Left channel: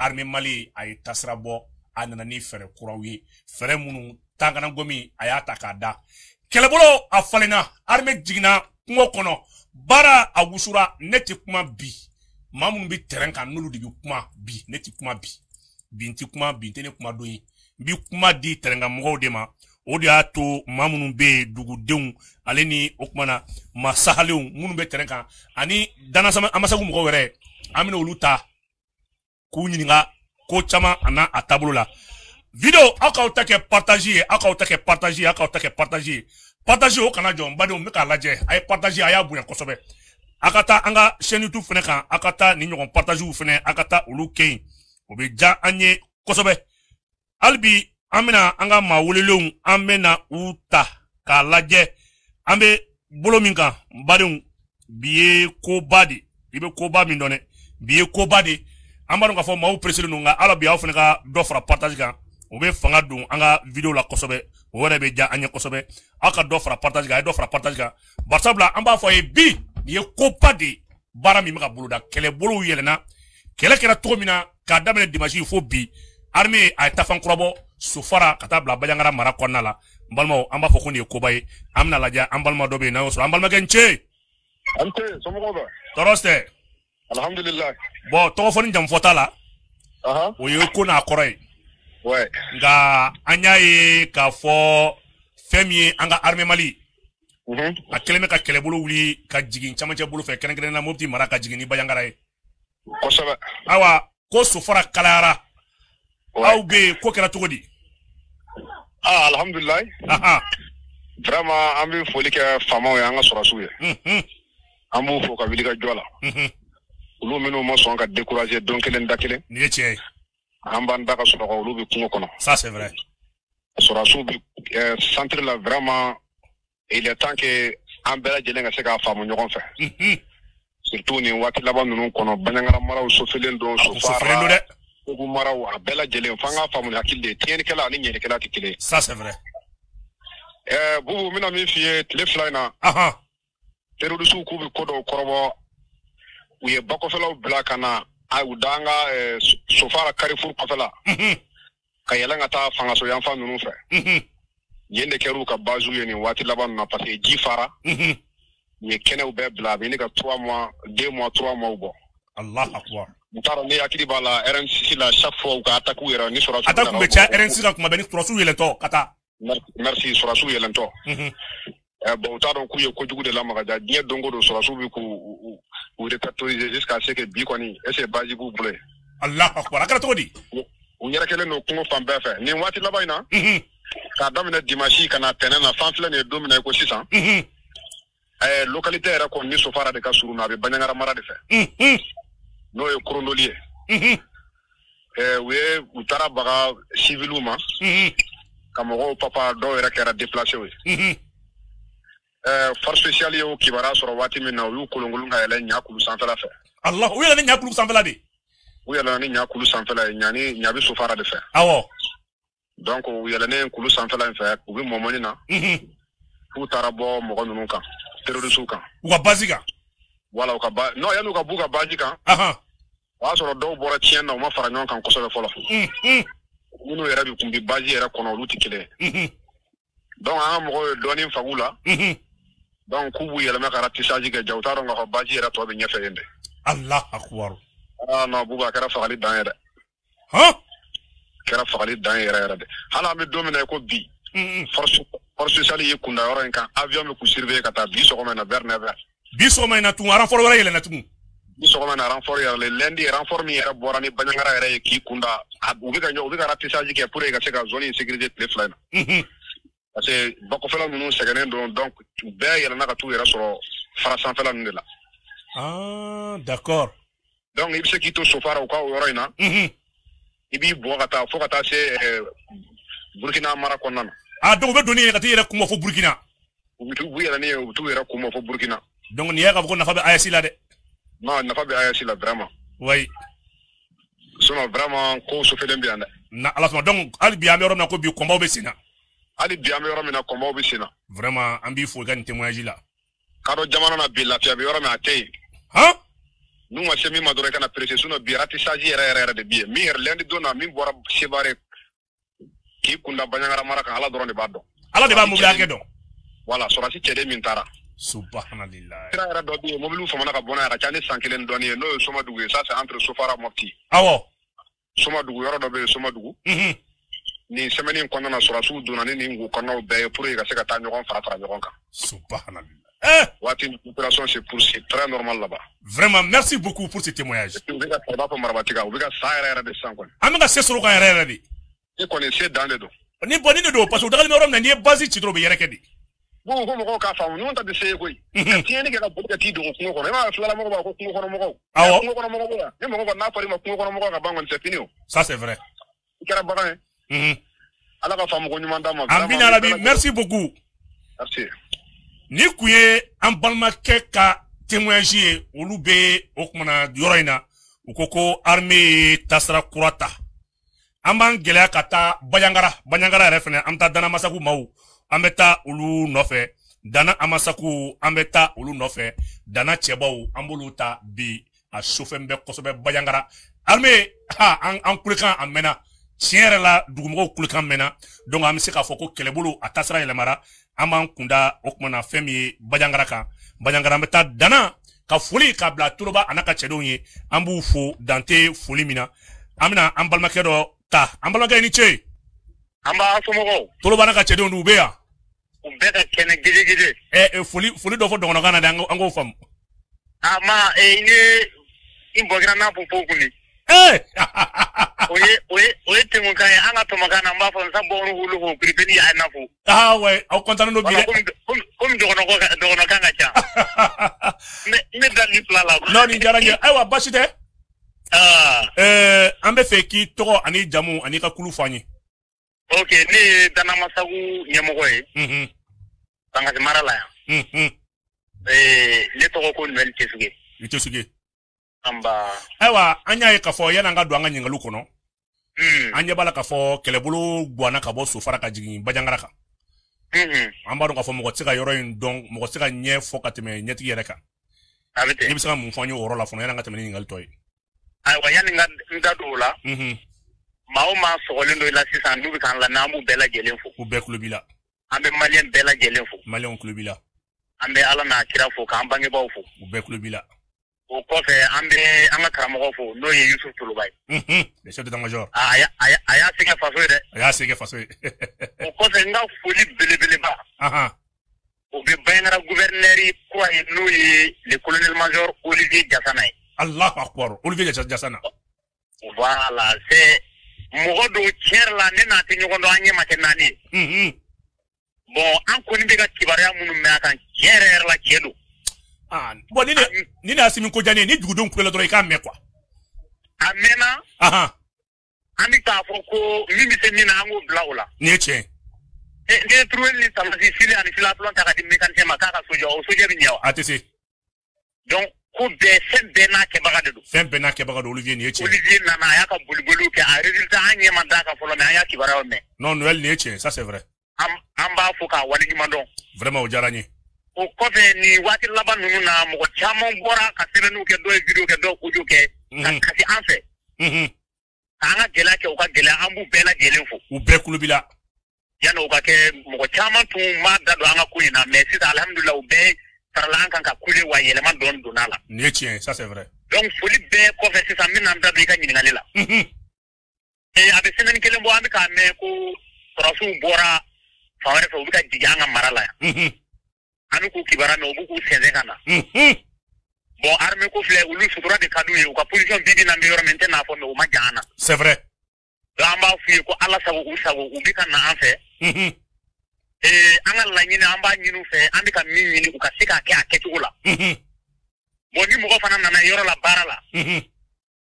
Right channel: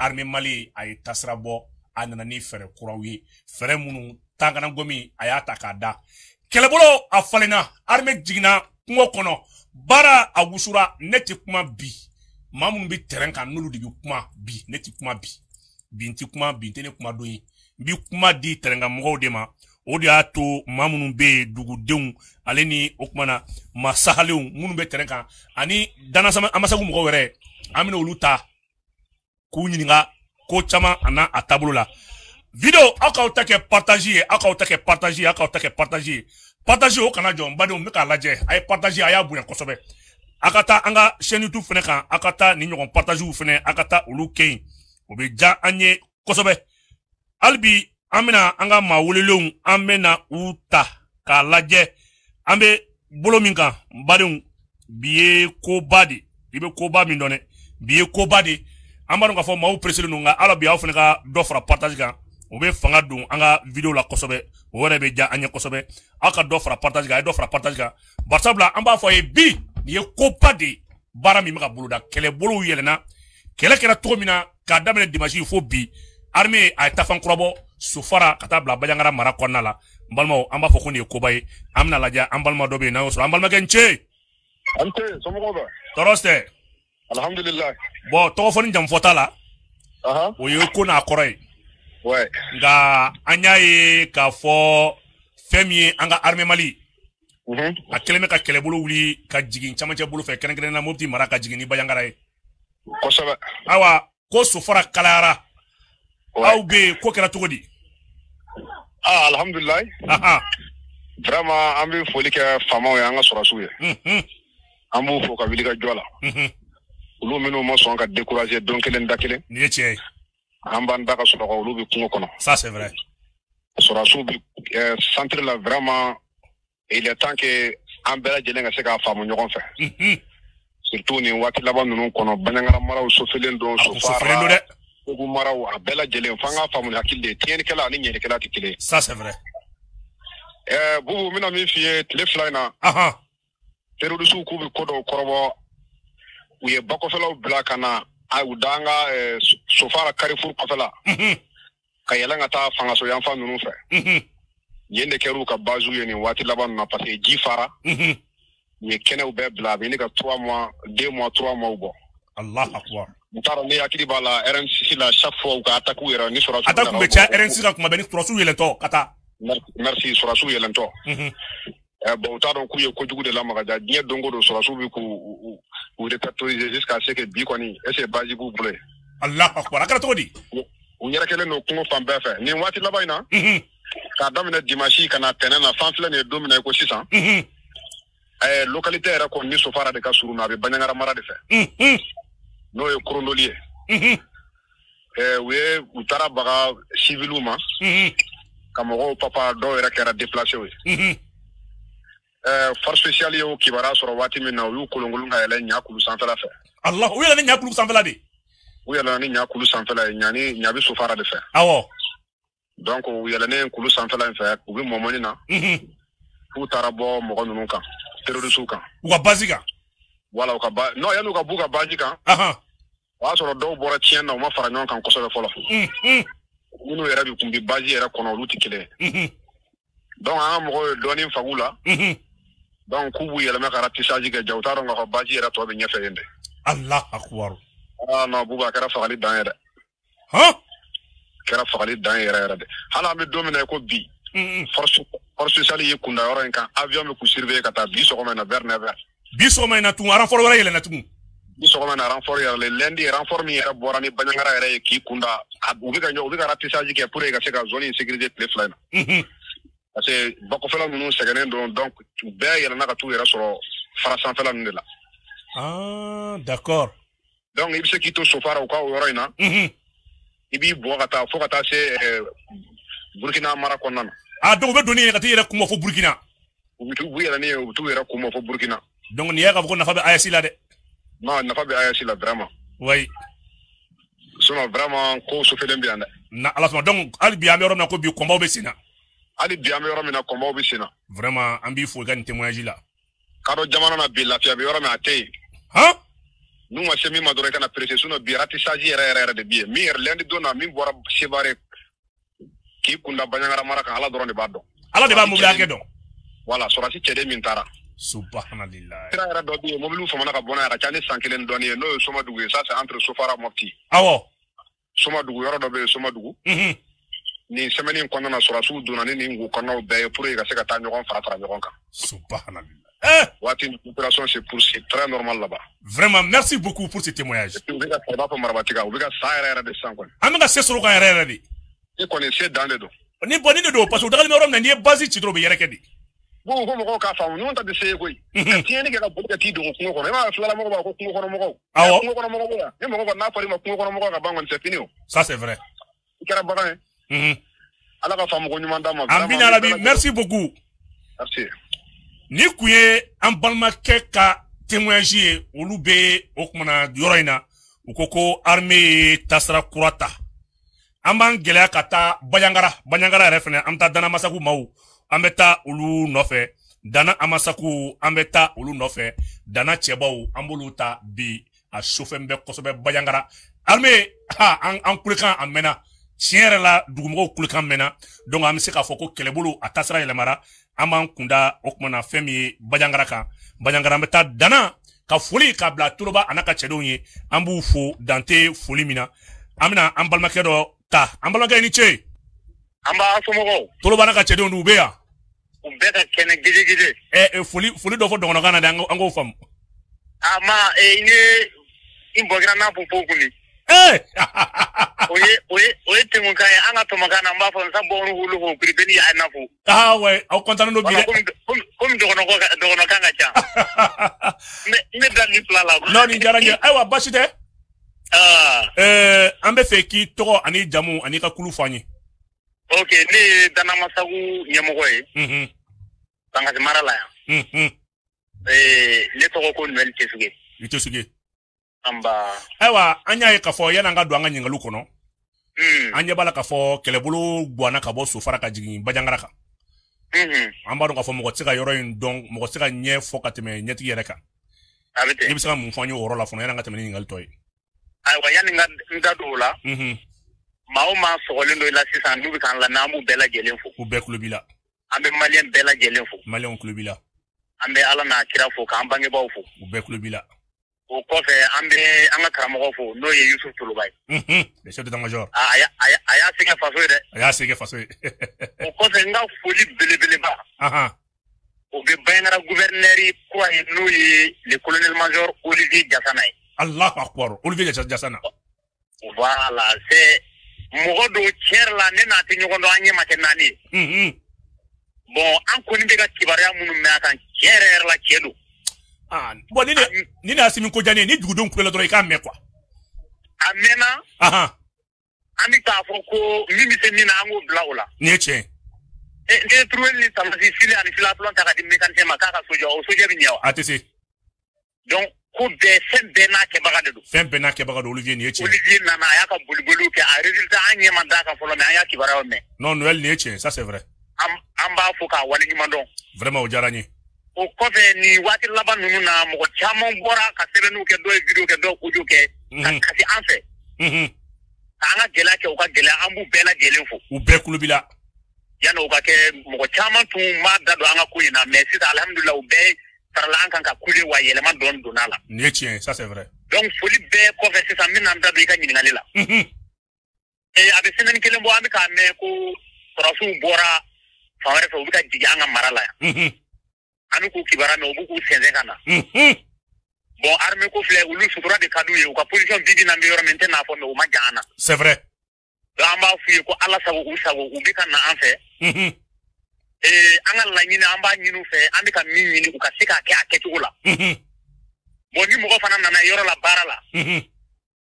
armée Mali a été tasrabo a nana ni fere kuraw ye fere munu tangana gomi a y'a ta k'a da kɛlɛbolo a falenna armée jigina kungo kɔnɔ bara a wusura ne tɛ kuma bi maa minnu bɛ terrain kan n'olu de bɛ kuma bi ne tɛ kuma bi n tɛ kuma bi n tɛ ne kuma dɔ ye n bɛ kuma di terrain kan mɔgɔw de ma o de y'a to maa minnu bɛ yen dugudenw ale ni o kumana masahalenw minnu bɛ terrain kan ani danasama an ma se k'u mɔgɔw wɛrɛ an bɛna olu ta k'u ɲininka ko caman a n'a a taabolo la video aw k'aw ta kɛ partage ye aw k'aw ta kɛ partage ye aw k'aw ta kɛ partage ye partage o kana jɔ n badenw n bɛ k'a lajɛ a ye partage a y'a bonya kosɛbɛ a ka taa an ka chaîne YouTube fɛnɛ kan a ka taa nin ɲɔgɔn partagew fɛnɛ a ka taa olu kɛ yen o bɛ diya an ye kosɛbɛ hali bi an bɛna an ka maa welelenw an bɛna u ta k'a lajɛ an bɛ bolo min kan n badenw bi ye koba de i bɛ koba min dɔn dɛ bi ye koba de an b'a dɔn k'a fɔ maaw pressé don nka ala bi aw fana ka dɔ fara partage kan o bɛ fanga don an ka video la kosɛbɛ o yɛrɛ bɛ diya an ye kosɛbɛ aw ka dɔ fara partage kan a ye dɔ fara partage kan barisabula an b'a fɔ a ye bi nin ye koba de baara min bɛ ka boloda kɛlɛbolow yɛlɛnna kɛlɛ kɛra cogo min na k'a daminɛ dimanche fo bi armée a ye tafan kura bɔ sofara ka taa bila baɲangara mara kɔnɔna la n balimaw an b'a fɔ ko nin ye koba ye an bɛna lajɛ an balima dɔ bɛ yen n'an y'o sɔrɔ an balimakɛ n cɛ tɔɔrɔ tɛ alhamdulillah bon tɔgɔ fɔ ni jamu fɔ t'a la o ye ko n'a kɔrɔ ye nka an y'a ye k'a fɔ fɛn min ye an ka armée Mali a kɛlen bɛ ka kɛlɛbolo wuli ka jigin camancɛ bolo fɛ kɛrɛnkɛrɛnnenya la Mopti mara ka jigin ni baɲangara ye kosɛbɛ awa ko sofara kalayara aw bɛ yen ko kɛra cogo di alhamdulillah vraiment an bɛ foli kɛ faamaw ye an ka sɔrɔsiw ye an b'u fo ka wuli ka jɔ la olu minnu ma sɔn ka décourager don kelen da kelen ni tiɲɛ an b'an da ka sunɔgɔ olu bɛ kungo kɔnɔ ça c'est vrai sɔrɔsiw bɛ centre la vraiment il est temps que an bɛɛ lajɛlen ka se k'a faamu ɲɔgɔn fɛ surtout nin waati laban ninnu kɔnɔ baɲangara maraw sofelen don sofara kogu maraw a bɛɛ lajɛlen f'an k'a faamu hakili de tiɲɛnikɛla ani ɲɛnikɛla tɛ kelen ça c'est vrai bubu n bɛna min f'i ye tile fila in na terrorisiw k'u bɛ ko dɔw kɔrɔbɔ u ye bakɔfɛlaw bila ka na u da an ka sofara carrefour kɔfɛla ka yɛlɛn ka taa fangasɔyanfan ninnu fɛ yen de kɛr'u ka baziw ye nin waati laban ninnu na parce que ji fara u ye kɛnɛw bɛɛ bila a bɛ ne ka 3 mois 2 mois 3 mois bɔ Allahu akbar n t'a dɔn ne hakili b'a la RN6 la chaque fois u ka attaque yɛrɛ ni sɔrɔsiw attaque bɛ caya RN6 kan kuma bɛɛ ni sɔrɔsiw yɛlɛntɔ ka taa merci sɔrɔsiw yɛlɛntɔ bon u t'a dɔn k'u ye kojugu de lamaga ja diɲɛ don o don sɔrɔsiw bɛ k'u répertorier jusqu'à ce que bi kɔni est ce que base b'u bolo yen Allahu akbar a kɛra cogo di u yɛrɛ kɛlen don kungo fan bɛɛ fɛ nin waati laban in na k'a daminɛ dimanche ka na tɛnɛn na fan filɛ nin ye don min na i ko sisan localité yɛrɛ kɔni ni sofara de ka surun na a bɛ baɲangara mara de fɛ n'o ye kurundoli ye u taara baga civiliw ma ka mɔgɔw papa dɔw yɛrɛ kɛra déplacé ye force spéciale ye o kibaruya sɔrɔ waati min na u y'u kolonkolon ka yɛlɛ ɲakulu sanfɛla fɛ Allah u yɛlɛ ni ɲakulu sanfɛla de u yɛlɛla ni ɲakulu sanfɛla ye ɲa bɛ sofara de fɛ awɔ donc u yɛlɛnen kulu sanfɛla in fɛ u bɛ mɔmɔni na k'u taara bɔ mɔgɔ ninnu kan terrorisiw kan u ka base kan wala u ka non yan'u ka b'u ka base kan o y'a sɔrɔ dɔw bɔra tiɲɛ na u ma fara ɲɔgɔn kan kosɛbɛ fɔlɔ minnu yɛrɛ de tun bɛ base yɛrɛ kɔnɔ olu tɛ kelen donc an ka mɔgɔw ye dɔɔnin faamu la donc k'u b'u yɛlɛmɛ ka ratissage kɛ ja u t'a dɔn k'a fɔ base yɛrɛ tɔ bɛ ɲɛfɛ yen de Allahu akbar non buba a kɛra fagali dan ye dɛ kɛra fagali dan ye yɛrɛ yɛrɛ de hali an bɛ don min na i ko bi force spéciale ye kunda yɔrɔ in kan avion bɛ k'u surveiller ka taa bi sɔgɔma in na vers 9h bi sɔgɔma in na tun renfort wɛrɛ yɛlɛnna tugun bi sɔgɔma in na renfort yɛrɛ lundi renfort min yɛrɛ bɔra ni baɲangara yɛrɛ ye k'i kunda u bɛ ka ratissage kɛ pour que ka se ka zone in sécuriser tile fila in na parce que bakɔfɛla ninnu sɛgɛnnen don donc u bɛɛ yɛlɛnna ka t'u yɛrɛ sɔrɔ fara sanfɛla ninnu de la d'accord donc i bɛ se k'i to sofara u ka o yɔrɔ in na i b'i bɔ ka taa fo ka taa se Burkina mara kɔnɔna na donc u bɛ doni ye ka taa yɛrɛ kunbɛ fo Burkina u yɛlɛnnen ye u bɛ t'u yɛrɛ kunbɛ fo Burkina donc nin y'a ka fɔ ko nafa bɛ AES la dɛ non nafa bɛ AES la vraiment oui sinon vraiment ko sufɛlen bɛ yan dɛ na ala sɔnna donc hali bi an bɛ yɔrɔ min na ko bi kɔnbaw bɛ sen na hali bi an bɛ yɔrɔ min na kɔnbaw bɛ sen na vraiment an b'i fo i ka nin témoignage la ka dɔn jamana na bi lafiya bɛ yɔrɔ min a tɛ yen nous ma chemi ma dora kana presse no bi ratissage yere de bi mi lendi dona mi bora sibare ki kunda banyangara maraka ala dora de bando ala de ba mo blanke do voilà sorati cede min tara subhanallah era do bi mo lu so mana ka bona ra chani sankelen doni no so ma dugu ça c'est entre sofara mofti awo so ma dugu yoro do be so ma dugu ni semaine ko na sura su dona ni ngu ko no be pour ira se ka tan jogon fara jogon ka subhanallah wati opération c'est très normal là-bas. Vraiment, merci beaucoup pour ce témoignage. Amega c'est sur le terrain. Vous connaissez dans les dos. Ni boni de do parce que dans le même basi ci trop be yere kedi. Bon ka fa non ta de sey koy. Ki ni ga bo ka ti do ko ko ma so la mo ba ko ko mo ko. Awo. Ko ko mo ko. Ni mo ko na pari ma ko ko mo ko ga bangon c'est fini. Ça c'est vrai. Kera baga. Ala ka fa mo ko ni manda mo. Ambina nabi, merci beaucoup. Merci. Ni kuye an balmakɛ ka témoignage olu be o kumana yɔrɔ in na u ko ko armée tasira kura ta an b'an gɛlɛya ka taa bajangara yɛrɛ fɛnɛ an bɛ taa dana masaku maw an bɛ taa olu nɔfɛ dana amasaku an bɛ taa olu nɔfɛ dana cɛbaw an b'olu ta bi a sufɛn bɛ kosɛbɛ bajangara armée an kulekan a mɛnna tiɲɛ yɛrɛ la dugumɔgɔw kulekan mɛnna donc an bɛ se k'a fɔ ko kɛlɛbolo a tasira yɛlɛmana an b'an kunda o kumana fɛn min ye bajangara kan bajangara an bɛ taa dana ka foli ka bila tuloba a n'a ka cɛdenw ye an b'u fo dante foli min na an bɛna an balimakɛ dɔ ta an balimakɛ ni ce an b'a somɔgɔw tuloba n'a ka cɛdenw n'u bɛ yan u bɛɛ ka kɛnɛ gidi foli dɔ fɔ dɔgɔnɔkan na de an k'o faamu i bɔgira n'a fɔ pɔn kun ye o ye tɛmɛkan ye an ka tɔmɔkan na n b'a fɔ n sa bɔn wolo ko biribini a na fo ouais aw kɔntannen don bi dɛ komi dɔgɔnɔkan ka ca ne da ni fila la non nin diyara n ye ayiwa basi tɛ an bɛ fɛ k'i tɔgɔ ani jamu ani ka kulu fɔ an ye ok ne ye danamasagu ɲɛmɔgɔ ye bangasi mara la yan ne tɔgɔ ko Noël Tesuge i Tesuge ayiwa an y'a ye k'a fɔ yan'an ka don an ka ɲininkaliw kɔnɔ an ɲɛ b'a la k'a fɔ kɛlɛbolo guwanna ka bɔ Sofara ka jigin Bajangara kan an b'a dɔn k'a fɔ mɔgɔ tɛ se ka yɔrɔ in dɔn mɔgɔ tɛ se ka ɲɛ fɔ ka tɛmɛ ɲɛtigi yɛrɛ kan ne bɛ se ka mun fɔ an ye o yɔrɔ la fɔlɔ yan'an ka tɛmɛ ni ɲininkali tɔ ye ayiwa yanni n da don o la maa o maa sɔgɔlen dɔ i la sisan n'u bɛ k'an lamɛn an b'u bɛɛ lajɛlen fo u bɛɛ tulo b'i la an bɛ maliyɛn bɛɛ lajɛlen fo maliyɛnw tulo b'i la an bɛ ala n'a kira fo k'an bangebaaw fo u bɛɛ tulo b'i la o kɔfɛ an bɛ an ka karamɔgɔ fo n'o ye Yusu Tuluba ye monsieur d'état-major a y'a sɛgɛ faso ye dɛ a y'a sɛgɛ faso ye o kɔfɛ n ka foli belebeleba o bɛ Bajangara gouverneur kura ye n'o ye le colonel major Olivier Jasana ye Allahu akbar Olivier Jasana voilà c'est mɔgɔ dɔw tiɲɛ la ne n'a tɛ ɲɔgɔn dɔn an ɲɛ ma kɛ naani ye bon an kɔni bɛ ka kibaruya minnu mɛn a kan tiɲɛ yɛrɛ la tiɲɛ don bon ni n'a simi ko jane ni dugudenw kulela dɔrɔn i k'a mɛn quoi a mɛnna an bɛ k'a fɔ ko min bɛ se min na an k'o bila o la nin ye tiɲɛ n'i ye turuli ni tamasi fili ani filatulon ta ka di mécanicien ma k'a ka soja o soja bɛ ɲɛ wa a tɛ se donc ku bɛɛ fɛn bɛɛ n'a kɛbaga de don fɛn bɛɛ n'a kɛbaga don Olivier nin ye tiɲɛ Olivier nana a y'a ka boliboliw kɛ a résultat an ɲɛ ma d'a kan fɔlɔ mais an y'a kibaruyaw mɛn non Noël nin ye tiɲɛ ça c'est vrai an b'a fɔ k'a waleɲuman dɔn vraiment o diyara n ye o kɔfɛ nin waati laban ninnu na mɔgɔ caman bɔra ka sɛbɛnniw kɛ dɔw ye video kɛ dɔw audio kɛ ka kasi an fɛ k'an ka gɛlɛya kɛ u ka gɛlɛya an b'u bɛɛ lajɛlen fo u bɛɛ kulo b'i la yanni u ka kɛ mɔgɔ caman tun b'a da don an ka ko in na mais sisan alhamdulilah u bɛɛ sarala an kan ka ku ye wa yɛlɛma dɔɔni donna la nin ye tiɲɛ ça c'est vrai donc foli bɛɛ kɔfɛ sisan n bɛna n da don i ka ɲininkali la a bɛ semaine kelen bɔ an bɛ k'a mɛn ko farasiw bɔra fan wɛrɛ fɛ u bɛ ka jigin an ka mara la yan an bɛ k'u kibaruya mɛn u bɛ k'u sɛnsɛn ka na bon armée ko filɛ olu sutura de ka d'u ye u ka position bi na n bɛ yɔrɔ min n tɛ n'a fɔ mais u ma jan an na c'est vrai donc an b'a f'u ye ko ala sago u sago u bɛ ka na an fɛ an ka laɲini an b'a ɲini u fɛ an bɛ ka min ɲini u ka se k'a kɛ a kɛcogo la bon ni mɔgɔ fana nana yɔrɔ la baara la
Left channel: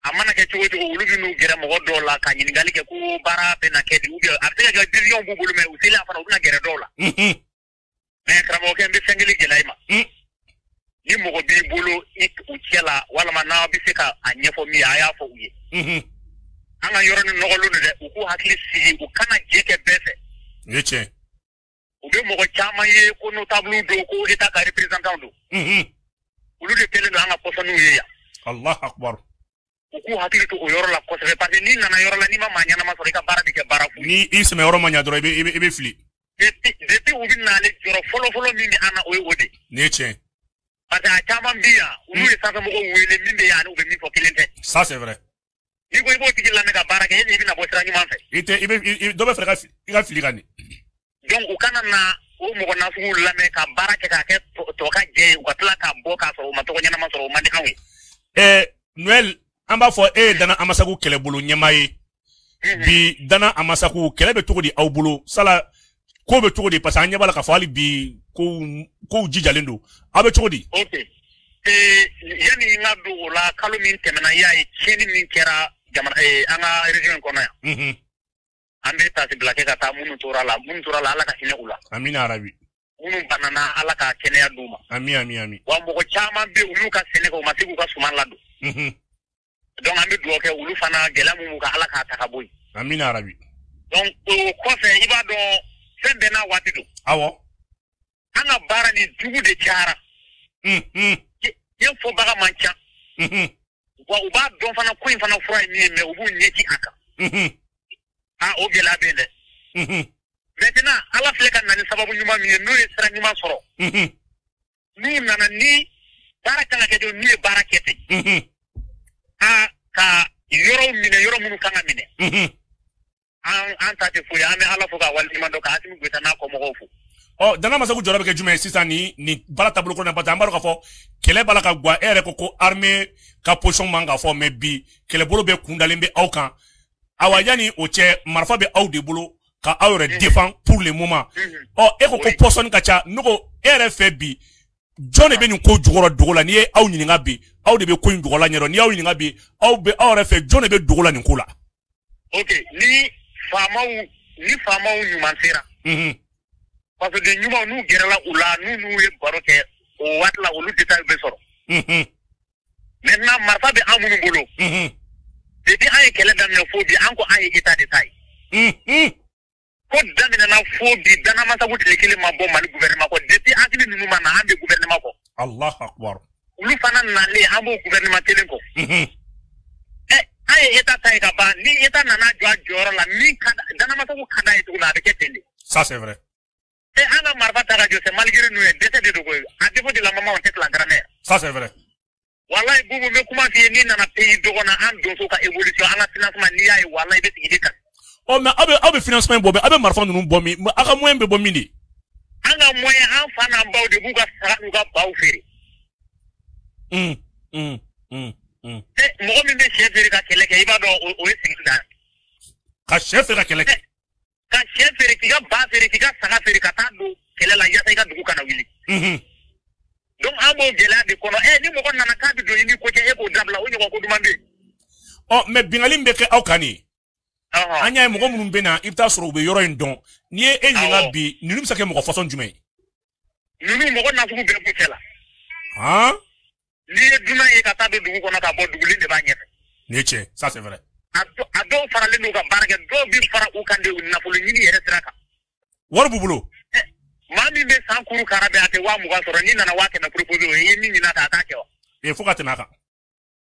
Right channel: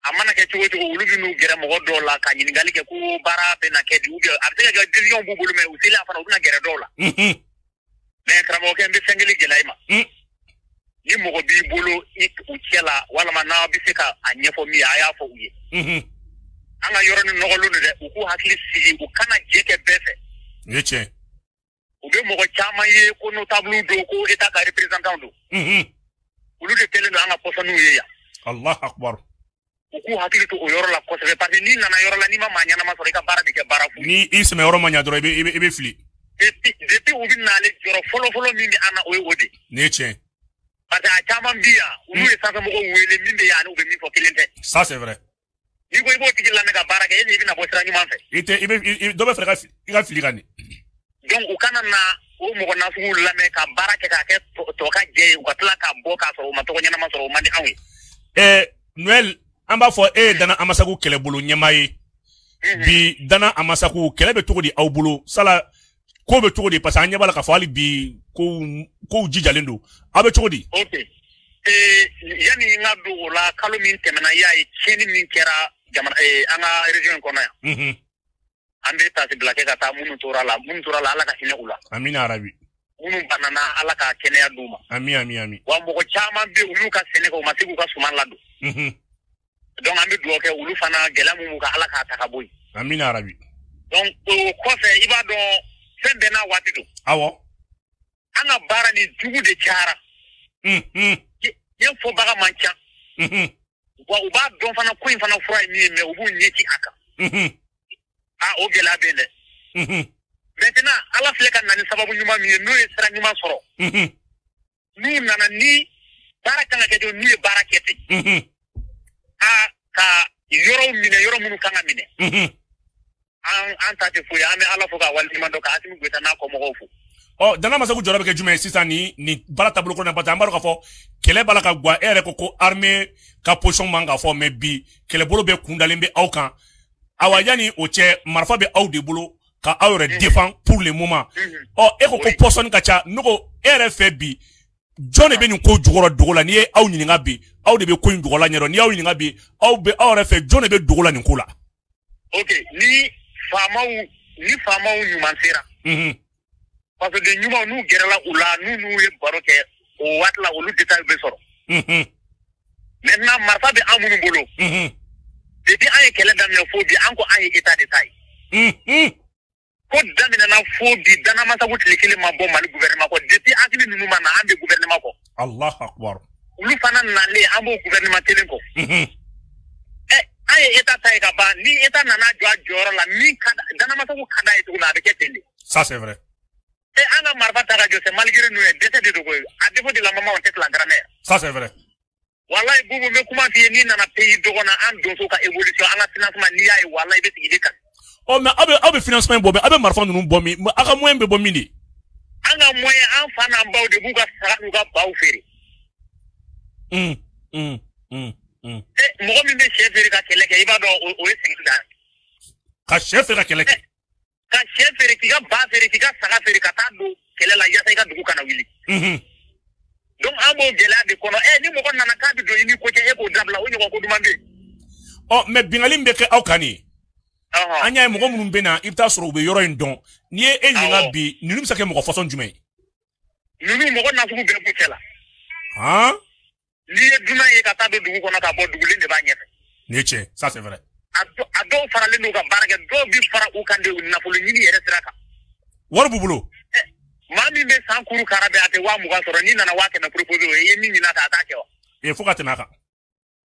a mana kɛ cogo cogo olu bɛ n'u gɛrɛ mɔgɔ dɔw la ka ɲininkali kɛ ko baara bɛ na kɛ di ou bien a bɛ se ka kɛ décision b'u bolo mais u selen a fana u bɛ na gɛrɛ dɔw la mais karamɔgɔkɛ n bɛ fɛn kelen gɛlɛya i ma ni mɔgɔ b'i bolo u cɛ la walima n'a bɛ se ka a ɲɛfɔ min ye a y'a fɔ u ye an ka yɔrɔ ni nɔgɔlen don dɛ u k'u hakili sigi u kana je kɛ bɛɛ fɛ nin ye tiɲɛ u bɛ mɔgɔ caman ye ko notable don ko état ka représentant don olu de kɛlen don an ka pɔsɔniw ye yan Allah akbar. Ku hakili to o yoro la ko se parce que ni nana yoro la ni ma manya na ma so ka bara bi ke bara fu. Ni isma yoro manya doro ebe fili. Depuis où vient n'aller sur follow mine ana o wode. Nietzsche. Parce que chama bia, ou est ça que mo wele mine ya no ni ko kilente. Ça c'est vrai. Ibo tiki la mega bara ke ni na bo sra ni ma fe. Ite do be frega fili gani. Donc o kana na o mo na fu la me ka bara ke ka ke to ka je ko to ka bo ka so ma to nyana ma so ma di awe. Noël amba fo dana amasaku kelebulu nyemaye. Bi dana amasaku kelebe togodi awbulu sala ko be togodi parce anya bala ka fali bi ko jijalindo abe togodi. Okay. Yani na do la kalo min temena ya chini min kera jamana ana region ko na. Ambe ta se blake ka ta munu tora la ala ka hilula. Amina arabi. Munu banana ala ka kene ya duma. Ami. Wa mo chama be ulu ka sele ko masiku ka suman lado. Donc ambe do ke ulu fana gela mu ka ala ka ta ka boy. Amina arabi. Donc ko fe iba do se dena wati do. Awo. Ana bara ni dugu de chara. Ye fo baga mancha. Wa uba don fana ko fana fo ni me ubu nyeki aka. O gela bele. Maintenant ala fle kan nani sababu nyuma mi no isra nyuma soro. Ni nana ni bara kana ke do ni bara kete. Ka yoro munu kana mine. Anta ti fuya ame ala foka wal imando ka atimu gwita na ko mo fu. Dana masaku jorobe ke jume sisa ni bara tablo ko na bata ambaru ka fo kele bala ka gwa ere ko armée ka position manga fo me bi kele bolo be kundalimbe aukan awajani oche marfa be aw de bolo ka awre défend pour le moment. Ko position ka cha nuko ere fe bi joni be ni ko jugoro dogola ni aw nyinga bi aw de be ku dogola nyero ni aw nyinga bi aw re fe joni be dogola ni kula. Okay, ni fama u nyumansera. Parce que nyuma nu gerala ula nu e barote o watla o lu detail be soro. Maintenant marfa be amunu bolo. Eti ay kele dam na fobi anko ay eta detail. Ko damina na fobi dana masa ko tilekele mabo mali gouvernement ko depuis akili nu ma na ambe gouvernement ko. Allah akbar. Lu fana na le amo gouvernement tele ko. Ay eta tay da ba ni eta na na joro la ni kada dana masa ko kada etu na be ketende. Ça c'est vrai. Ana marfa tega je se malgré nous décidé de ko a défaut de la maman on tête la grand-mère. Ça c'est vrai. Wallahi bobo me kuma fi ni na na pays dogo na an do ka évolution ana financement ni ay wallahi be tigi ka. Mais abe financement bobe abe marfa nunu bomi aka moyen be bomi ne. Ana moyen an fa na baw de buga sa ga banfiri. Mo mi be chef de ka kele ke iba do o sigi da. Ka chef de ka kele ke. Ka chef de ka banfiri ka saga feri ka ta do kele la ya ka dugu kana wili. Donc abo gela de kono ni mo na ka di do ni ko je ko dabla o ni ko dumande. Mais bingalim be ke awkani. Anya mo mun be na ifta soro be yoro ndon. Ni nyinga bi ni nim se ke mo façon jumay. Ni mo na fu be ko kela. Ni dina e ka ta de dugu kono ka bo dugu li de ba nyef. Nietzsche, ça c'est vrai. Ado fara le no ka baraka do bi fara u kan de na fu ni yere traka. Wor bubulo. Mami be sankuru karabe ate wa muga soro ni nana wake na propose ni na ta atake o. Fuka tenaka.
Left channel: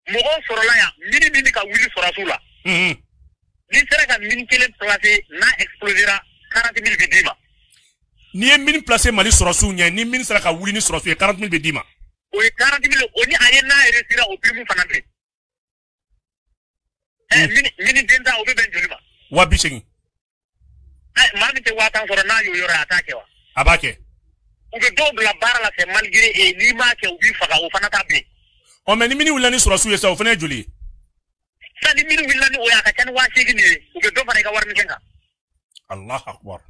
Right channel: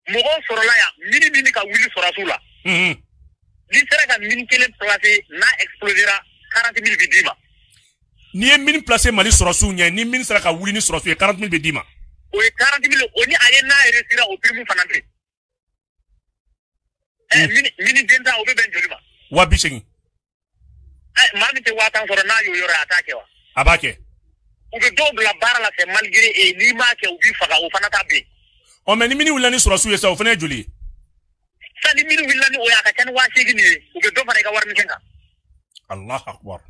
Mugo soro la ya mini ka wili soro sula. Ni sere ka mini kele place na explosera 40,000 de dima. Ni mini place mali soro su nya ni mini sere ka wili ni soro su 40,000 de dima. O 40,000 oni aye na resira o primu fanante. Mini denda o be benjulima. Wa bishigi. Mami te wa tan soro na yo atake o. Abake. Ube do la bara la se malgré ni ma ke ubi faka o fana tabe. Mais ni mini wile ni soro su yesa o fana juli. Sa ni mini wile ni o ya ka ken wa sigi ni ube do fana ka war mi kenga. Allah akbar.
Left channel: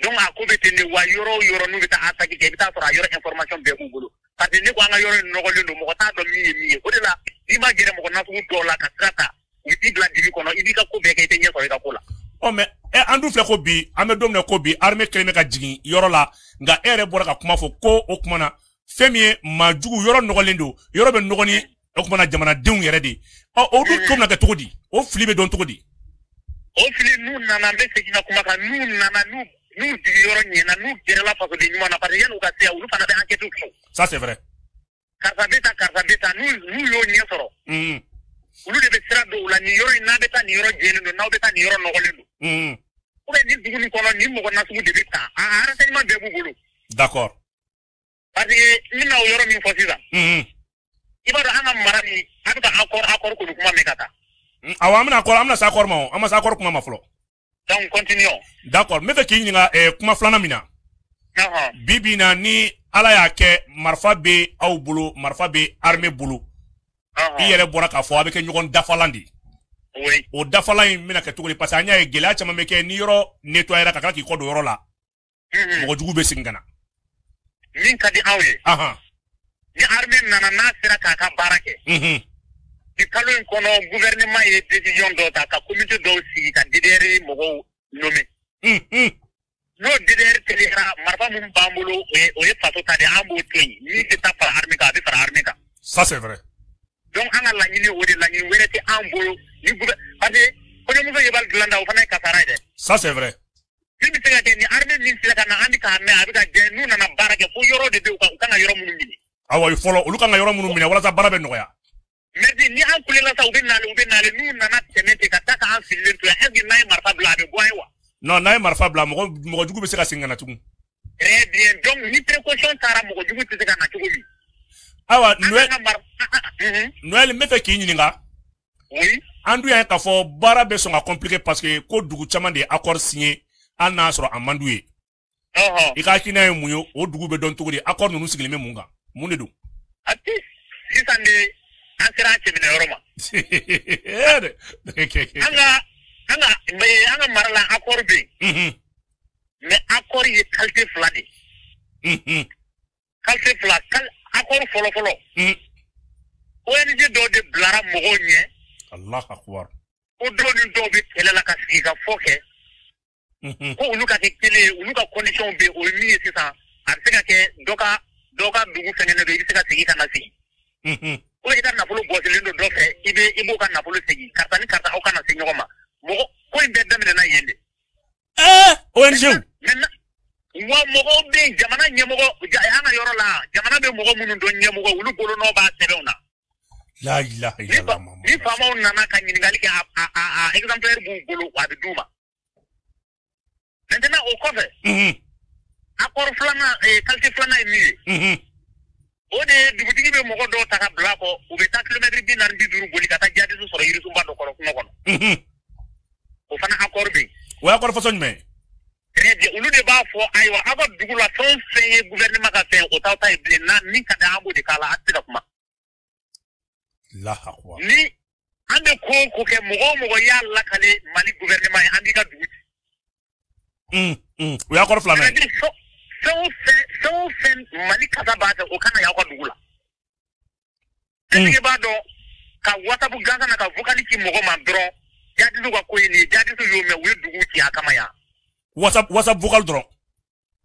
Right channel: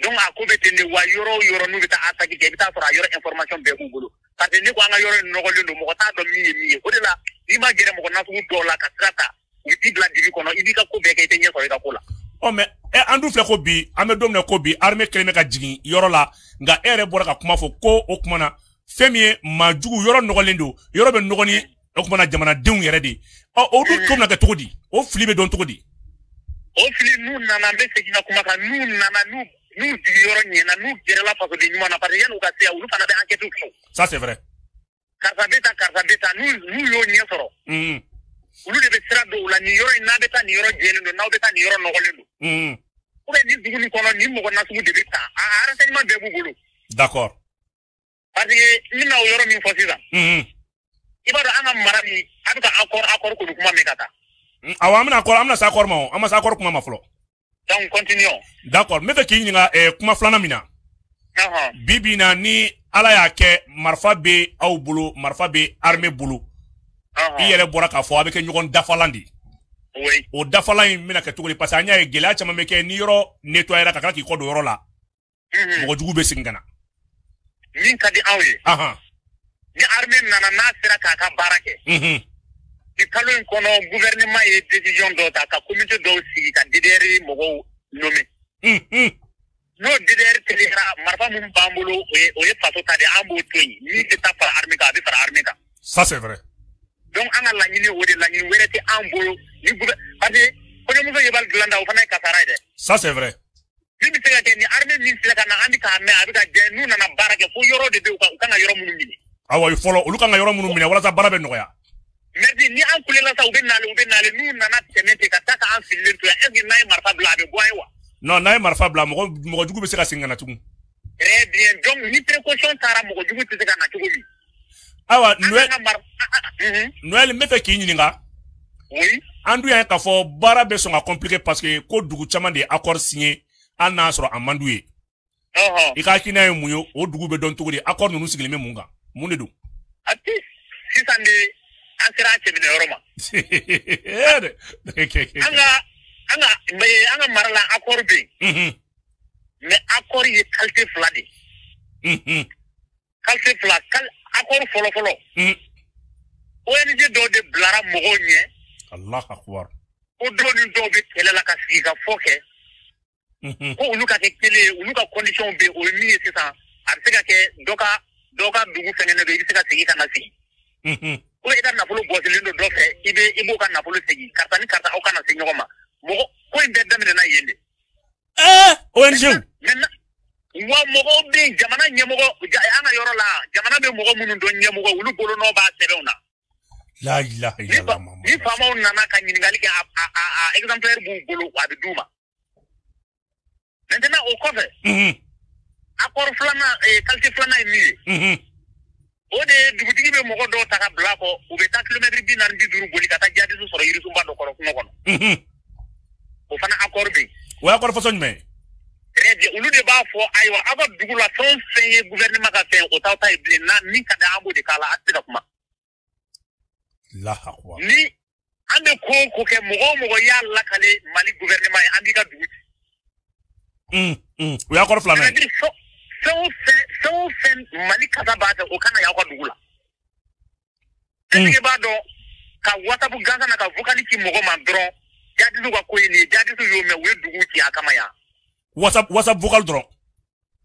Donc a ko be tende wa yoro nu bita ataki ke bita soro yoro information be mu bulu. Parce que ko ana yoro no golendo mo ta do mi ko de la ni ba gere mo na fu do la ka trata. Iti bla divi kono idi ka ko be ke tenye ko ka kula. Mais andu fe ko bi amedom ko bi armée kleme ka jigi yoro la nga ere bora ka kuma fo ko o kuma na femi ma jugu yoro nogolendo yoro be nogoni o kuma na jamana deun yere de o du ko na ke tugudi o fili be don tugudi o fili nu na na be segina kuma ka nu na na nu di yoro ni na nu gere la fa ko de ni na pa yan o ka se o fa na da enquête ko. Ça c'est vrai. karisa bɛ taa n'u y'o ɲɛ sɔrɔ olu de bɛ sira dɔw la nin yɔrɔ in n'a bɛ taa nin yɔrɔ jɛlen don n'aw bɛ taa nin yɔrɔ nɔgɔlen don ni digili kɔnɔ ni mɔgɔ nasugu de bɛ taa renseignement bɛɛ b'u bolo d'accord parce que n bɛna o yɔrɔ min fɔ sisan i b'a dɔn an ka mara min a bɛ ka accord kɔni kuma mɛn ka taa awɔ an bɛna se accord ma o an ma se accord kuma ma fɔlɔ donc continuons d'accord n bɛ fɛ k'i ɲininka kuma filanan min na bi bi in na ni ala y'a kɛ marifa bɛ aw bolo marifa bɛ armée bolo i yɛrɛ bɔra k'a fɔ a bɛ kɛ ɲɔgɔn dafalan de o dafalan in bɛna kɛ cogo di parce que an y'a ye gɛlɛya caman bɛ kɛ ni yɔrɔ nettoyera ka kila k'i kɔ don yɔrɔ la mɔgɔ jugu bɛ segin ka na min ka di aw ye ni armée nana n'a sera k'a ka baara kɛ i kalo in kɔnɔ gouvernement ye décision dɔw ta ka comité dɔw sigi ka DDR mɔgɔw nommer n'o DDR segira marifa minnu b'an bolo o ye faso ta de an b'o to yen min bɛ taa fara armée kan a bɛ fara armée kan ça c'est vrai donc an ka laɲini o de laɲini wɛrɛ tɛ an bolo ni parce que kɔɲɔmuso ye bali dilan da o fana ye kasara ye dɛ ça c'est vrai min bɛ se ka kɛ ni armée min sera ka na an bɛ k'a mɛn a bɛ ka gɛn n'u nana baara kɛ fo yɔrɔ de bɛ u kan yɔrɔ minnu minɛ awɔ fɔlɔ olu kan ka yɔrɔ minnu minɛ walasa baara bɛ nɔgɔya mais ni an kulela sa u bɛ naani n'u nana tɛmɛ ten ka taa k'an sigilen to est-ce que n'a ye marifa bila a bɛ bɔ ye wa non n'a ye marifa bila mɔgɔ jugu bɛ se ka segin ka na tugun très bien donc ni précaution taara mɔgɔ jugu tɛ se ka na cogo min awa Noël n bɛ fɛ k'i ɲininka an dun y'a k'a fɔ baara bɛ sɔn ka compliquer parce que ko dugu caman de ye accord signé hali n'a sɔrɔ a man d'u ye i ka hakilina ye mun ye o dugu bɛ dɔn cogo di accord ninnu sigilen bɛ mun kan mun de don sisan de an sera a cɛminɛ yɔrɔ ma an ka mara la accord bɛ yen mais accord ye qualité fila de qualité fila accord fɔlɔ ONG dɔw de bilara mɔgɔw ɲɛ Allahu akbar o dɔw ni dɔw bɛ kɛlɛ la ka sigi ka fɔ kɛ ko olu ka kɛ kelen ye olu ka condition bɛ o ye min ye sisan a bɛ se ka kɛ dɔ ka dugu fɛnɛ na i bɛ se ka segin ka na sigi ko i ka nafolo bɔsilen don dɔ fɛ i b'o ka nafolo segin karisa ni karisa aw kana se ɲɔgɔn ma mɔgɔ ko in bɛɛ daminɛna yen de ONG wa mɔgɔw bɛ jamana ɲɛmɔgɔ an ka yɔrɔ la jamana bɛ mɔgɔ minnu dɔn ɲɛmɔgɔ olu bolo n'o b'a sɛbɛnw na ni faamaw nana ka ɲininkali kɛ a exemplaire b'u bolo a bɛ d'u ma maintenant o kɔfɛ accord filanan qualité filanan ye min ye o de ye dugutigi bɛ mɔgɔ dɔw ta ka bila kɔ u bɛ taa kilomɛtiri 40-50 boli ka taa jaabiso sɔrɔ yirisunba dɔ kɔnɔ kungo kɔnɔ o fana accord bɛ yen o ye accord fɔsɔn jumɛn ye olu de b'a fɔ ayiwa aw ka dugu la fɛn fɛn ye gouvernement ka fɛn o t'aw ta ye bilen na min ka di an b'o de k'a la a tɛ se ka kuma ni an bɛ ko o ko kɛ mɔgɔ o mɔgɔ y'a lakale Mali gouvernement ye an b'i ka dugu ci o ye accord filanan ye fɛn o fɛn Mali kasa b'a fɛ o kana y'aw ka dugu la est-ce que b'a dɔn ka WhatsApp gansan na ka vocal ci mɔgɔ ma dɔrɔn jaadisiw ka ko ye nin ye jaadisiw y'o mɛn u ye dugu ci a kama yan WhatsApp vocal dɔrɔn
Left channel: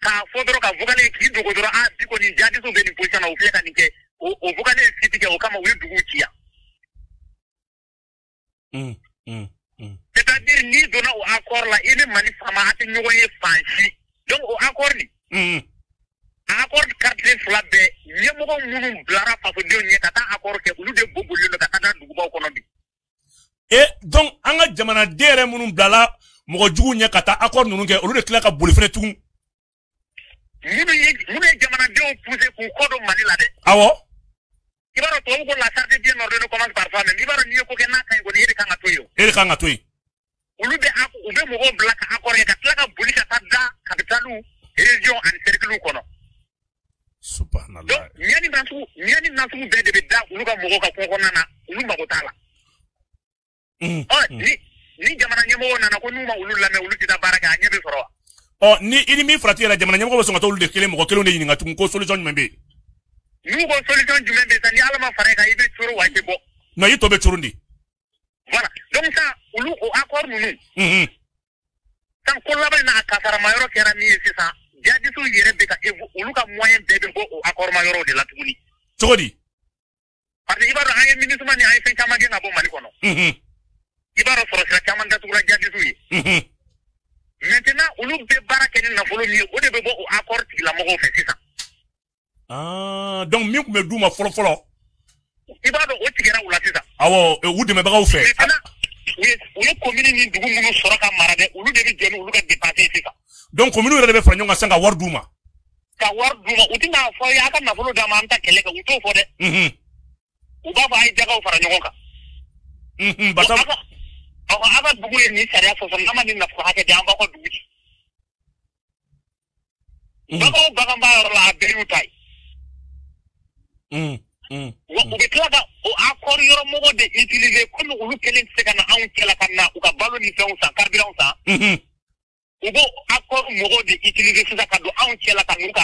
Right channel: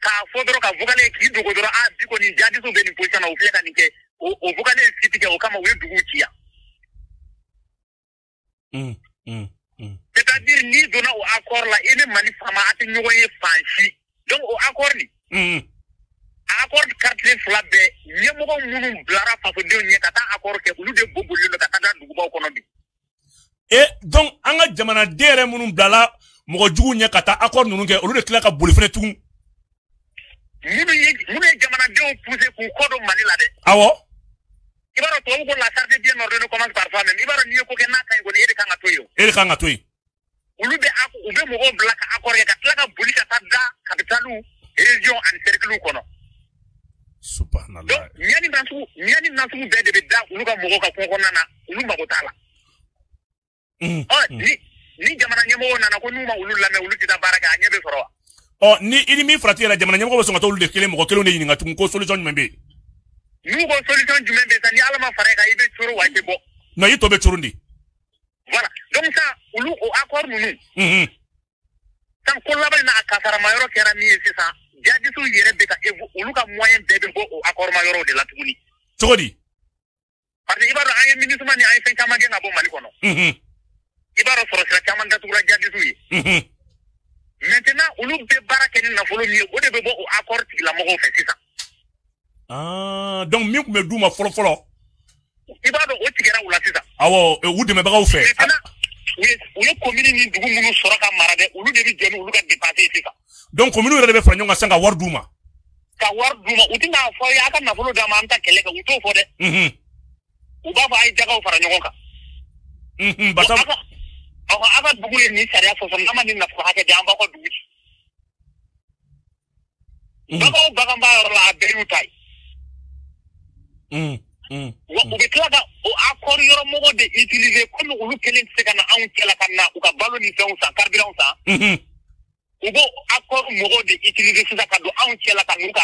ka fɔ dɔrɔn ka vocal k'i dogo dɔrɔn bi kɔni jaadisiw bɛ nin position na u filɛ ka nin kɛ o vocal ci tigɛ o kama u ye dugu ci yan c'est-à-dire n'i donna o accord la i ni Mali faama a tɛ ɲɔgɔn ye fan si donc o accord nin accord carte fila bɛɛ ɲɛmɔgɔ minnu bilara fasodenw ɲɛ ka taa accord kɛ olu de o bolilen bɛ ka taa dugubaw kɔnɔ de donc an ka jamanaden yɛrɛ minnu bilala mɔgɔ jugu ɲɛ ka taa accord ninnu kɛ olu de tila ka boli fɛnɛ tugun minnu ye jamanadenw poussé k'u kɔ don Mali la dɛ awɔ i b'a dɔn tubabu ko la charte bien ordonnée commence par soi-même i b'a dɔn n'i ye ko kɛ n'a ka ɲi kɔni e de kan ka to yen e de kan ka to yen olu bɛ mɔgɔw bila ka accord kɛ ka tila ka boli ka taa da capitale région ani cercle kɔnɔ subhanallah donc ɲani nasugu bɛɛ de bɛ da olu ka mɔgɔw ka kungo kɔnɔna na olu mago t'a la ni jamana ɲɛmɔgɔw nana ko n'u ma olu lamɛn olu tɛ taa baara kɛ a ɲɛ bɛ sɔrɔ wa ni i ni min farati yɛrɛ jamana ɲɛmɔgɔ bɛ sɔn ka taa olu de kelen mɔgɔ kelenw de ɲininka tugun ko solution jumɛn bɛ yen ni ko solution jumɛn bɛ yen sa ni ala ma fara i kan i bɛ turu wa i tɛ bɔ non i tɔ bɛ turu de voilà donc ça olu o accord ninnu san ko laban na a kasarama yɔrɔ kɛra min ye sisan jaadisiw yɛrɛ bɛ ka olu ka moyen bɛɛ bɛ bɔ o accord ma yɔrɔ de la tuguni cogo di parce que i b'a dɔn an ye MINUSMA ni an ye fɛn caman kɛ ka bɔ Mali kɔnɔ i b'a dɔn sɔrɔsira caman datugula jaadisiw ye maintenant olu bɛ baara kɛ ni nafolo min ye o de bɛ bɔ o accord tigilamɔgɔw fɛ sisan donc min tun kun bɛ d'u ma fɔlɔ fɔlɔ i b'a dɔn o tigɛra u la sisan awɔ u dɛmɛbagaw fɛ u ye commune ni dugu minnu sɔrɔ ka mara dɛ olu de bɛ jɛ n'olu ka dépense sisan donc commune yɛrɛ de bɛ fara ɲɔgɔn kan sisan ka wari d'u ma ka wari d'u ma u tɛna fɔ a ka nafolo d'a ma an ta kɛlɛ kɛ u t'o fɔ dɛ u b'a fɔ a ye jɛgɛw fara ɲɔgɔn kan an ka dugu ye nin sariya fɔ n'a ma nin nafolo hakɛ di an b'aw ka dugu ci bagan b'a yɔrɔ la a bɛɛ y'o ta ye wa u bɛ tila ka o accord yɔrɔ mɔgɔ de utiliser comme olu kelen tɛ se ka na anw cɛla ka na u ka balo ni fɛnw san carburant san u b'o accord mɔgɔ de utiliser sisan ka don anw cɛla ka n'u ka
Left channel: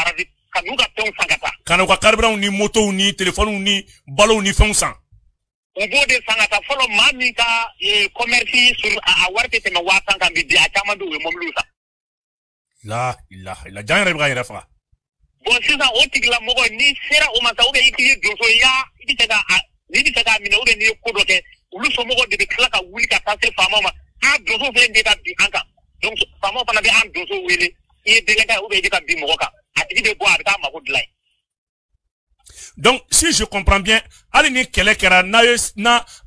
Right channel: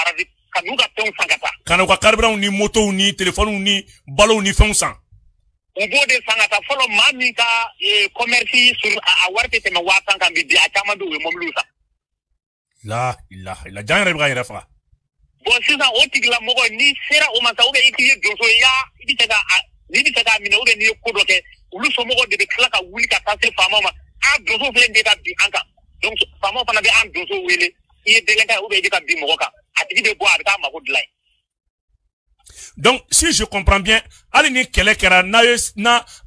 fɛnw san ka taa ka n'u ka carburant ni motow ni téléphone ni balow ni fɛnw san u b'o de san ka taa fɔlɔ maa min ka commerce sur a wari tɛ tɛmɛ 500 kan bi a caman bɛ u ye mɔbiliw san la jan yɛrɛ bɛ ka yɛrɛ faga bon sisan o tigilamɔgɔ ni sera o ma sa ou bien i tigi donso i bɛ se k'a minɛ ou bien n'i ye ko dɔ kɛ olu somɔgɔw de bɛ tila ka wuli ka taa se faamaw ma donso fana bɛ ka bin an kan donc faamaw fana bɛ an donso wele i ye denkɛ ou bien i bɛ ka bin mɔgɔ kan a tigi bɛ bɔ a bɛ taa mako dilan ye. donc si je comprends bien hali ni kɛlɛ kɛra n'a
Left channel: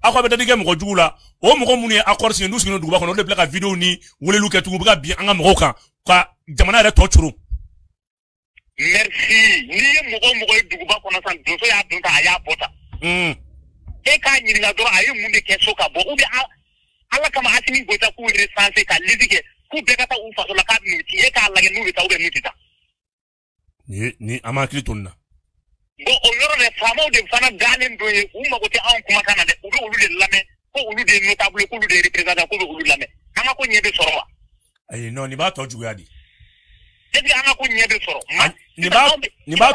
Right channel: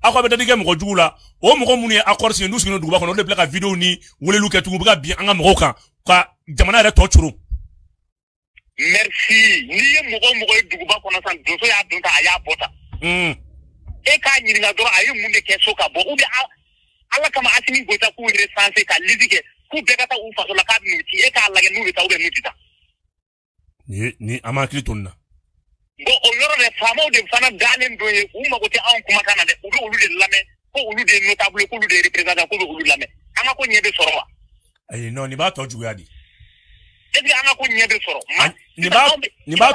aw bɛ dadigɛ mɔgɔ jugu la o mɔgɔ minnu ye accord signé n'u sigira duguba kɔnɔ olu de bila ka vidéo ni weleliw kɛ tugun u bɛ ka bin an ka mɔgɔw kan ka jamana yɛrɛ tɔ coro. merci n'i ye mɔgɔ ye duguba kɔnɔ san donso y'a dun ta a y'a bɔ tan. e k'a ɲininka dɔrɔn a ye mun de kɛ so ka bɔ ou bien ala kama Asimi Goyita k'u recenser ka liste kɛ ko bɛɛ ka taa u faso la k'a n'u ci e k'a lajɛ n'u bɛ taa ou bien n'u tɛ taa. ni an ma hakili to nin na. bon o yɔrɔ de faamaw de fana gannen don ye u mago tɛ anw kumakan na dɛ u bɛ olu de lamɛn ko olu de ye notable k'olu de ye représentant k'u bɛ olu lamɛn an ka ko ɲɛ bɛ sɔrɔ ma. ayi non nin b'a tɔ juguya di. est-ce que an ka ko ɲɛ bɛ sɔrɔ. nin b'a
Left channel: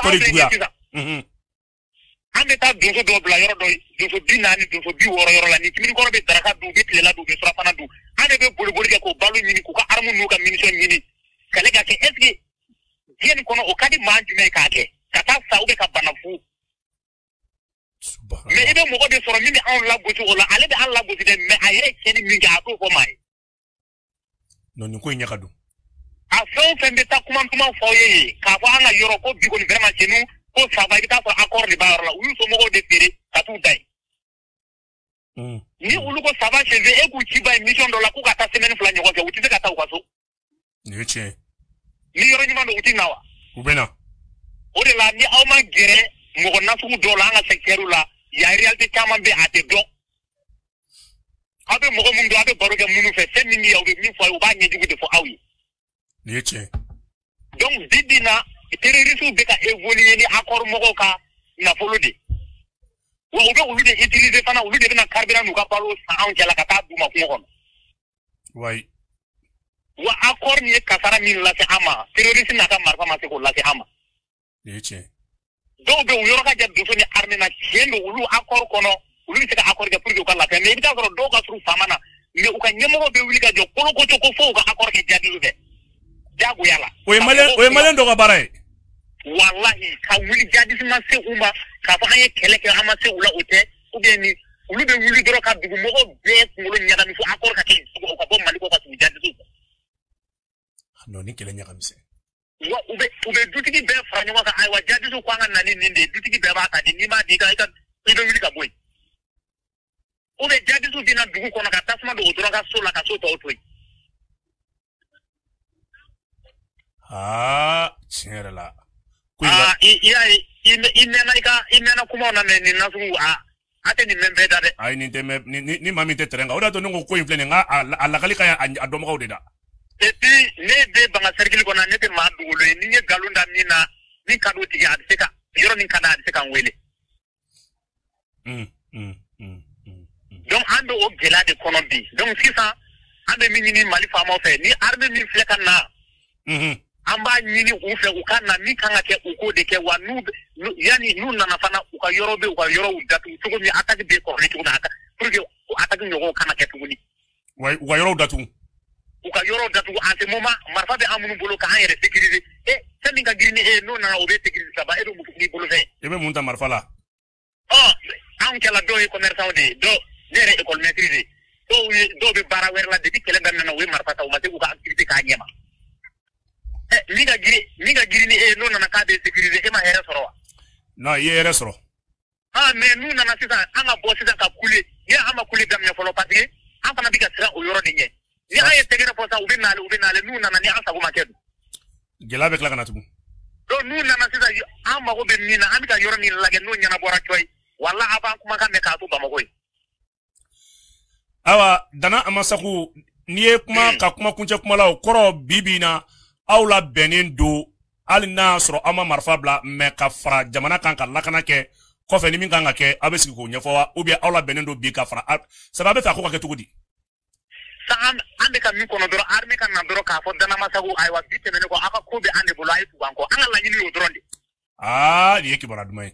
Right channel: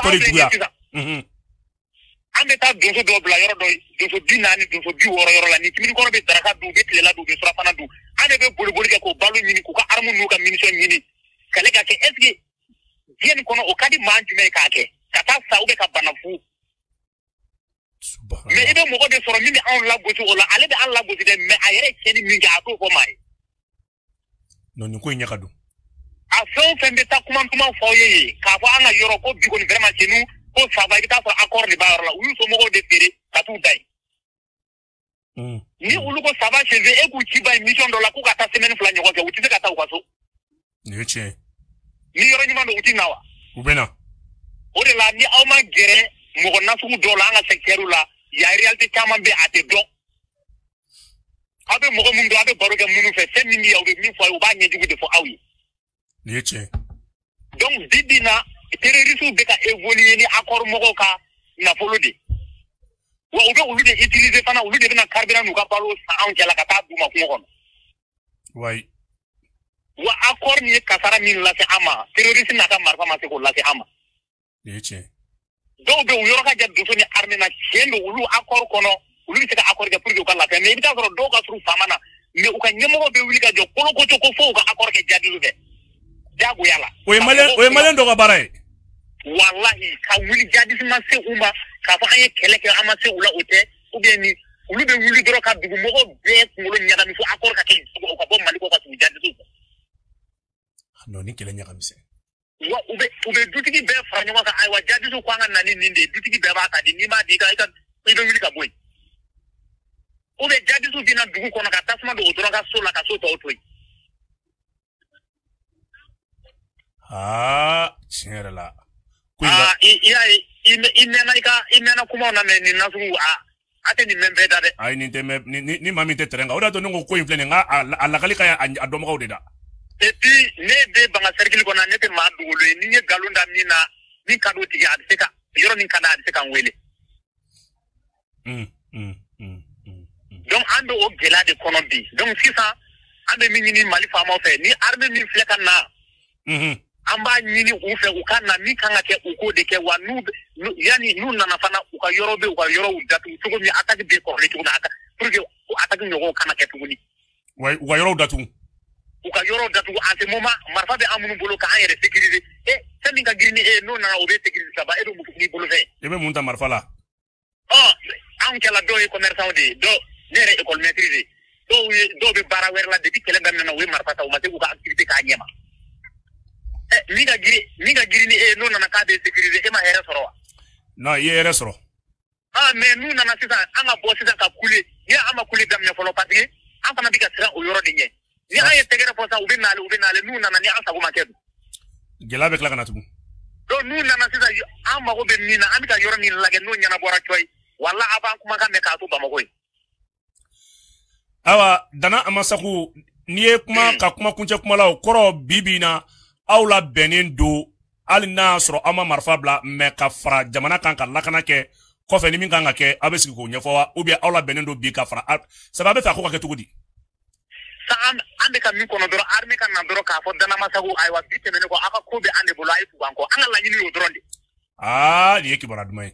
tɔ de juguya. an bɛ taa donso dɔw bila yɔrɔ dɔ ye donso 40 donso 60 yɔrɔ la ni kimini kɔnɔ bɛ daraka dun u bɛ tilela dun u bɛ surafana dun an de bɛ boli kɛ k'u balo ɲini k'u ka arme n'u ka munition ɲini kɛlɛ ka kɛ est-ce que diɲɛ nin kɔnɔ o ka di maa jumɛn k'a kɛ ka taa sa ou bien ka bana fu. mais i bɛ mɔgɔ de sɔrɔ min bɛ anw lagosi o la ale bɛ an lagosi dɛ mais a yɛrɛ cɛnni min kɛ a t'o fɔ maa ye. non nin ko in ɲɛ ka don. a fɛn o fɛn bɛ taa kuma fɔ ye k'a fɔ an ka yɔrɔ ko bi kɔni vraiment cɛ ni ko faba i bɛ taa sɔrɔ accord de b'a yɔrɔ la olu somɔgɔw de feere ka t'u ta ye. ni olu ko faba cɛ e k'u ci ba ye mission dɔ la k'u ka taa semaine 2 ɲɔgɔn kɛ u tɛ se ka taa u ka so. nin ye tiɲɛ. ni yɔrɔ ɲuman don u tɛ na wa. u bɛ na. o de la ni aw ma gɛrɛ mɔgɔ nasugu dɔw la an ka secteur la yan réalité caman bɛ a tɛ dɔn. aw bɛ mɔgɔ minnu dɔn aw bɛ baro kɛ minnu fɛ fɛn min bɛ yan u bɛ min fɔ a ye u b'a ɲɛjugu de fɔ aw ye. nin ye tiɲɛ. donc bi bi in na terroristes bɛ ka évoluer ni accord mɔgɔw ka nafolo de. wa u bɛ olu de utiliser fana olu de bɛna carburant n'u ka balo san anw cɛla ka taa d'u ma kungo kɔnɔ. wayi. wa accord min ye kasara min lase an ma terroriste n'a ka marifa ma se k'o lase an ma. nin ye tiɲɛ. dɔw bɛ u yɔrɔ ka jan donso ni armée na tiɲɛ don olu accord kɔnɔ olu bɛ se ka accord kɛ pour que u ka lafiya mais i bɛ taa sɔrɔ dɔw ka surun faama na mais u ka ɲɛmɔgɔ bɛ wuli ka jɔ kolokoto ko fo u ka accord kɛ jadiro fɛ jagoya la. o ye maliyɛn dɔ ka baara ye. wallahi ka wuli jadisi ma se u ma k'a fɔ an ye kɛlɛ kɛ an ma se u la o tɛ ou bien ni olu bɛ wuli dɔrɔn ka dugumɔgɔw bɛɛ kunkolo ɲagami fo accord ka kɛ u ka bɔ Mali kɔ ka tugu jadisiw kɔ. non ni kɛlɛ ɲagamisɛn. wa u bɛ dutigi bɛɛ fara ɲɔgɔn kan ayiwa jadisiw ko an ka na ni nin de ye dutigi bɛɛ b'a ta di n'i m'a di i bɛ wuli ka bɔ yen. ou bien jadisiw bɛ na dugu kɔnɔ ka tasuma don u dɔrɔn ka so la ka so tɔw to yen. tiɲɛ yɛrɛ la. i mɛnna kumaw na mɛ nin nasugu a tɛ nin mɛn bɛɛ da dɛ. ayi nin tɛ mɛn ni maa min tɛ tɛrɛn kan o de y'a to ne ko in filɛ nin nka a lagali ka ɲi a dɔnbagaw de da. et puis ne bɛ banga cercle kɔnɔ ne tɛ maa dogolo ye ni n ye nkalon da min na min ka d'o tigi a bɛ se ka yɔrɔ min ka d'a bɛ se ka n wele. donc an bɛ o gɛlɛya de kɔnɔ bi donc sisan an bɛ min ɲini Mali faamaw fɛ ni armée min filɛ ka na. an b'a ɲini u fɛ u ka na min kan ka kɛ u k'o de kɛ wa yanni n'u nana fana u ka yɔrɔ bɛ u ka yɔrɔw datugu cogo min attaque bɛ kɔrɔlen cogo min pour que o attaque ɲɔgɔn kana kɛ tuguni. wa u ka yɔrɔw datugu. u ka yɔrɔw datugu en ce moment marifa bɛ an minnu bolo k'an yɛrɛ sécuriser fɛn min ka girin ni e ye n'o nana o bɛ sécuriser ka ban e bɛ mun k'i bolo fɛ. e bɛ mun ta marifa la. anw cɛla dɔw ye commerçant de ye ne yɛrɛ école maîtrise dɔw bɛ baara wɛrɛ la depuis kɛlɛ daminɛ na u ye marifa ta u ma se k'u ka activité k'a ɲɛma. min ka girin ni e n'o nana k'a bɛ sécuriser e ma hɛrɛ sɔrɔ wa. Non, il est restro. Ah, mais nous, on a fait ça, on a bossé ça, on a coulé. Il y a un coulé dans le papier. On a dit que ça, on aura gagné. Il y a un tegre pour ça, nous, on a mis un savon maquet. Gela avec la ganatu. Donc, nous, on a fait ça, on m'a obéi, on a fait ça, nous, on a fait Walla avant kuma ka me ka tu bamakoy. Awa dana amasaku ni kuma ka kuma kunche kuma la koro bibina awla benin do alina soro ama marfa bla me ka fara jamana kan ka lakana ke ko fe ni min kan ka ke abesi ko nyafo ou bien awla benin do bi ka fara ça va be fa ko ka ke tugudi ande kan mi kono doro arme kan na doro ka fo dana masaku ay wa bitte ne ko aka kube ande bulay fu banko anga la nyini yo doronde ni yeki bara dumay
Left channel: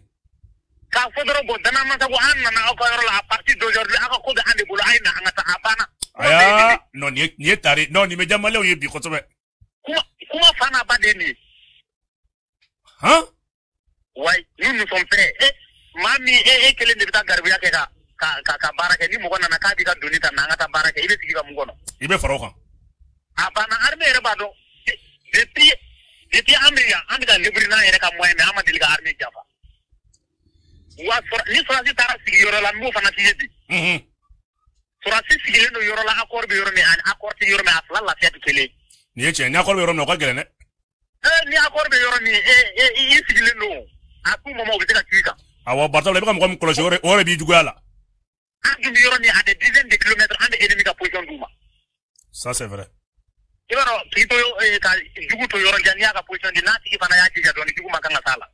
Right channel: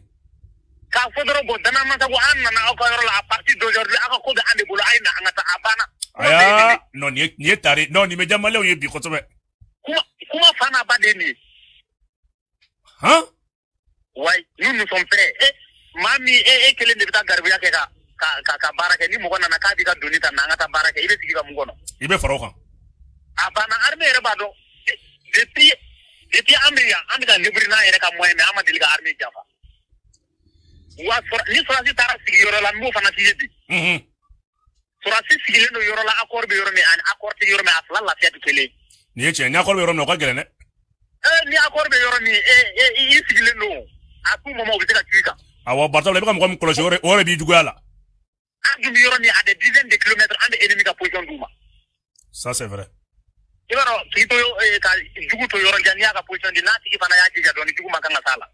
ka fodoro go dana masaku an na ko yoro a partir d'aujourd'hui aka kube ande bulay na anga ta abana aya no ni tari do ni me jamale o yebi ko tome kuma fana badeni hein ouais nous sommes prêts mami kile de ta garbe ka baraka ni mo gonna na ka diga dunita na ngata baraka ile diga mo gono ibe faro kan abana arme re bado depuis ande ga librina ere ka moy na amadi ga arme jafa wa ni frasi tara sigiro la mu fana sigedi frasi sigiro yoro la accord bi yoro ne an accord ti yoro me asla la fiatu tele ni che ni accord bi yoro no ka gelene ni accord bi yoro ni sigile no aku mo mo ga tika awo barta le kam ko cloche ore bi dugala ande yoro ni à des dizaines de kilomètres ande ennemi ka position duma ça c'est vrai ibaro kito ka jugu to yoro jania ka position di nati ifana yaki ya doni jugu makanga sala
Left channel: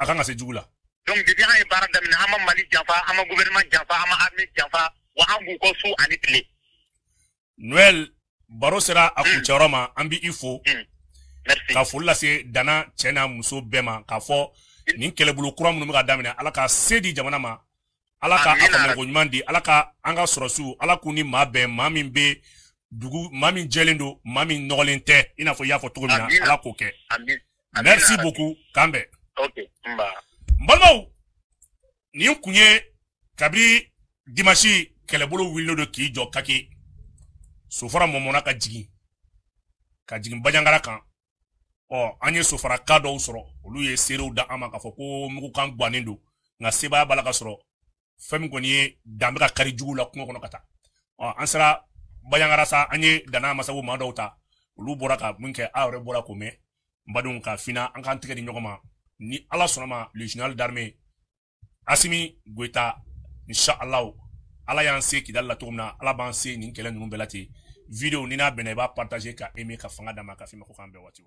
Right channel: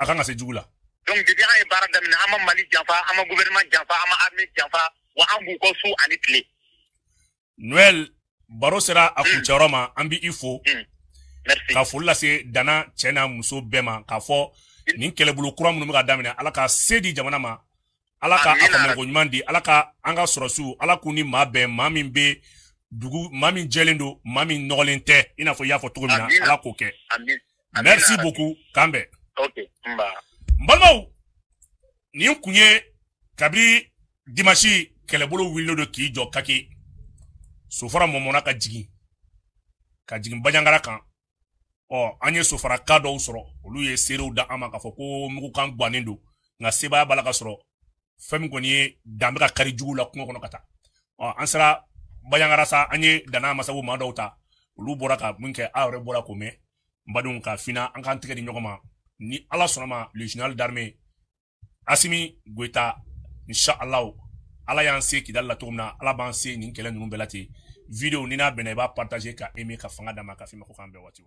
akanga se jugula donc depuis ay baradam na ama mali jafa ama gouvernement jafa ama armée jafa wa angu ko su ani tle Noël baro sera akucharoma ambi ifo merci ka fulla se dana chena muso bema ka fo ni kelebulu kuram no ga damina ala ka sedi jamana ma ala ka akamel ko nyandi ala ka anga sorosu ala kuni mabe mamin be dugu mamin jelendo mamin nolente ina fo ya fo to mina ala ko ke merci beaucoup kambe okay mbalmo ni kunye kabri dimanche kelebulu willo do ki jo kake sufara momona ka jigi banyangara kan anye sufara ka do soro olu ye serew da ama ka fo ko muko kan gwanendo nga seba bala ka soro fam ko ni dambe ka kari jugu la ko kono kata ansara banyangara sa anye dana masabu ma dawta olu bora ka munke awre bora ko me mbadun ka fina an kan tige di nyogoma ni ala sonoma le général d'armée Assimi Goïta inshallah ala yan se ki dalla tomna ala ban se ni kelen num belati video ni na bena ba partager ka aimer ka fanga dama ka fi mako kan be wati